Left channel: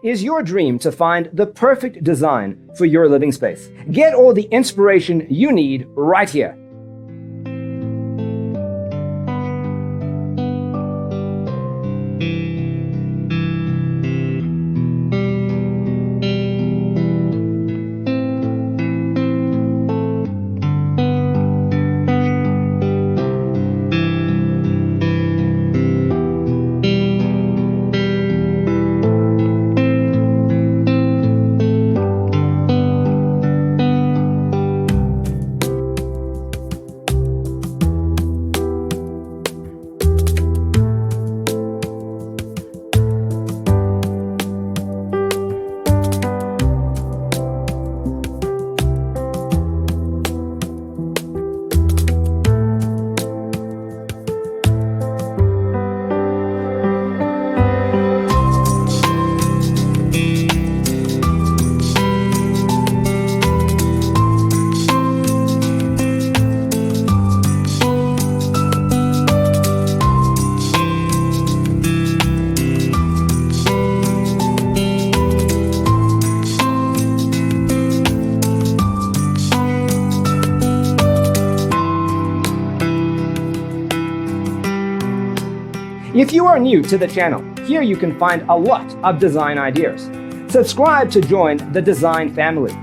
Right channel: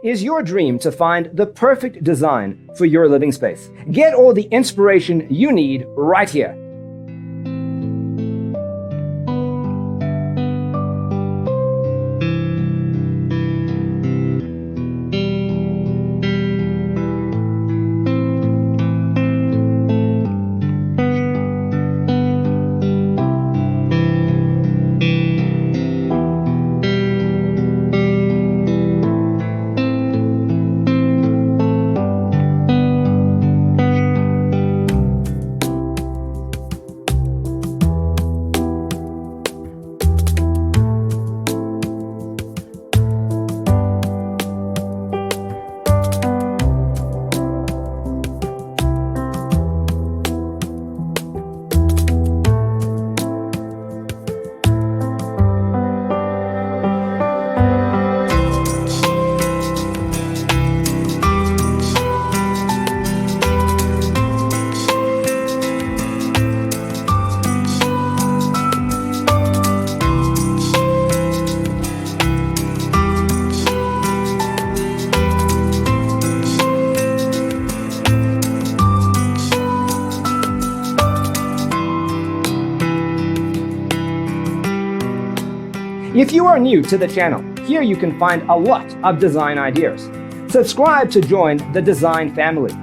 Is your dream to find the perfect design for your living space? Get all the inspiration you need right here. If you are new to the channel, here you can find a lot of design ideas. Subscribe to join the design family.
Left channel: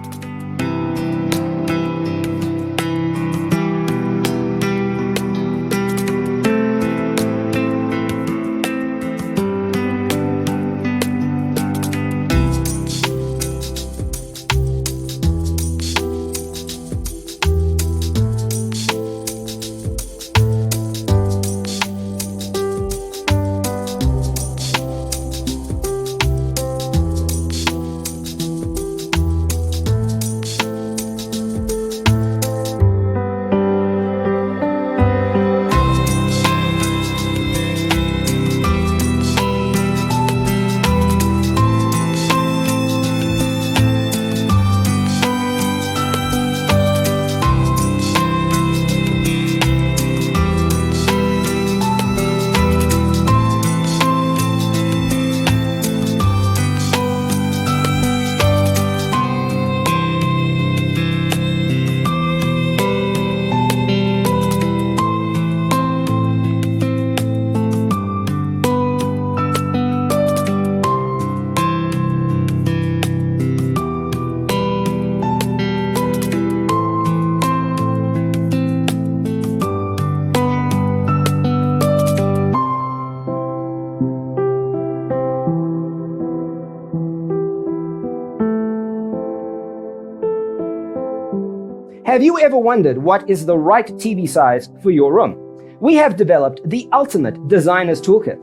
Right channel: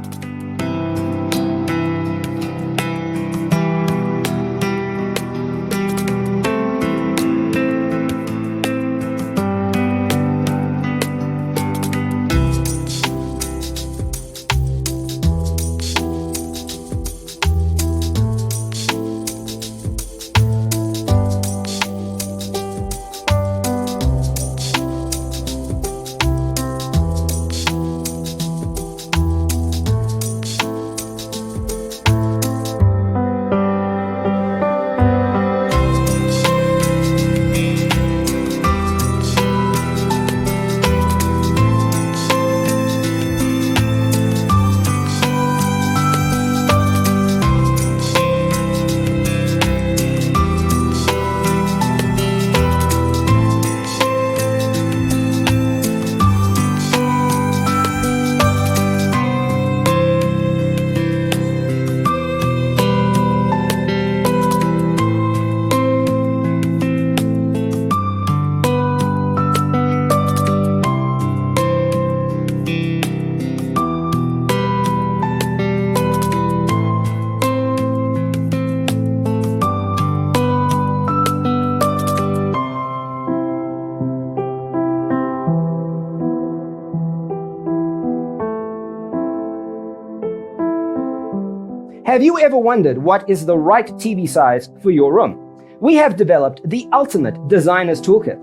Have you ever wondered what is the right TV size for your room? We have developed the ultimate designer's toolkit.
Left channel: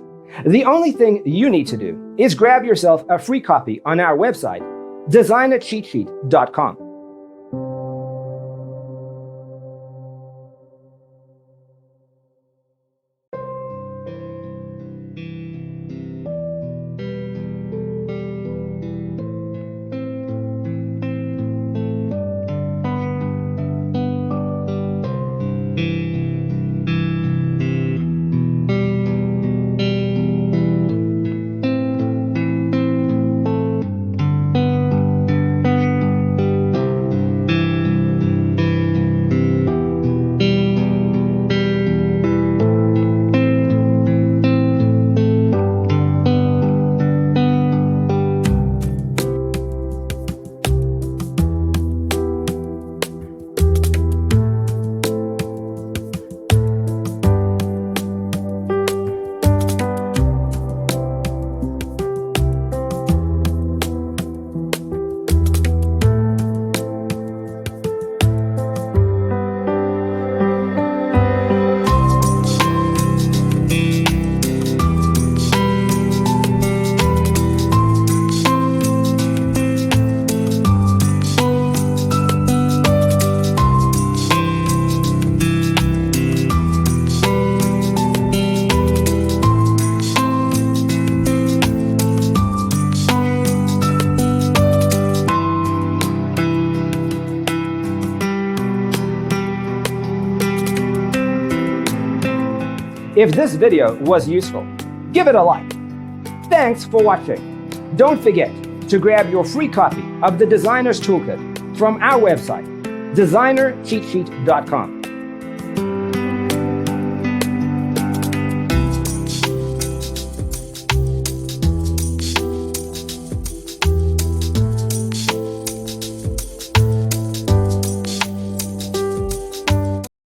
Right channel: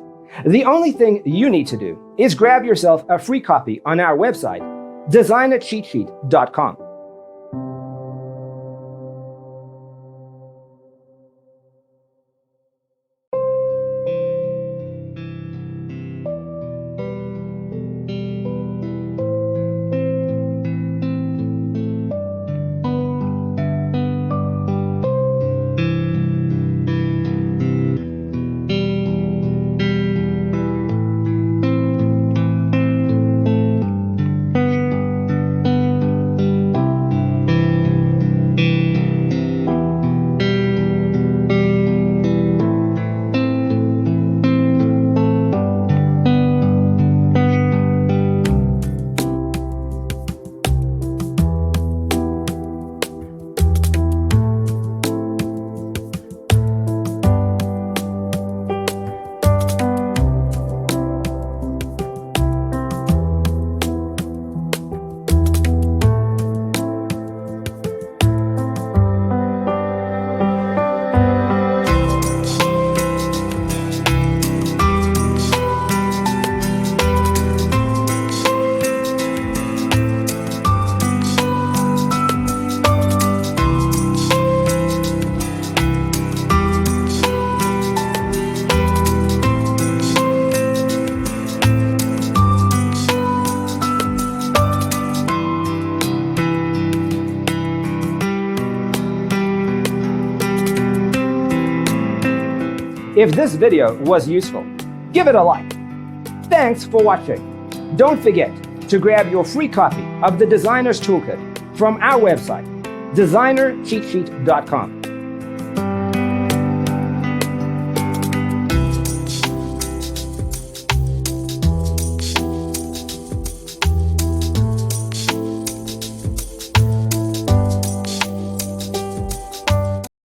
The only thing you need to do is grab yourself a free copy on our website, designercheatsheet.com. If this video was useful, give it a like. Thanks for watching. Don't forget to grab your free copy of the Designer's Toolkit from our website, designercheatsheet.com.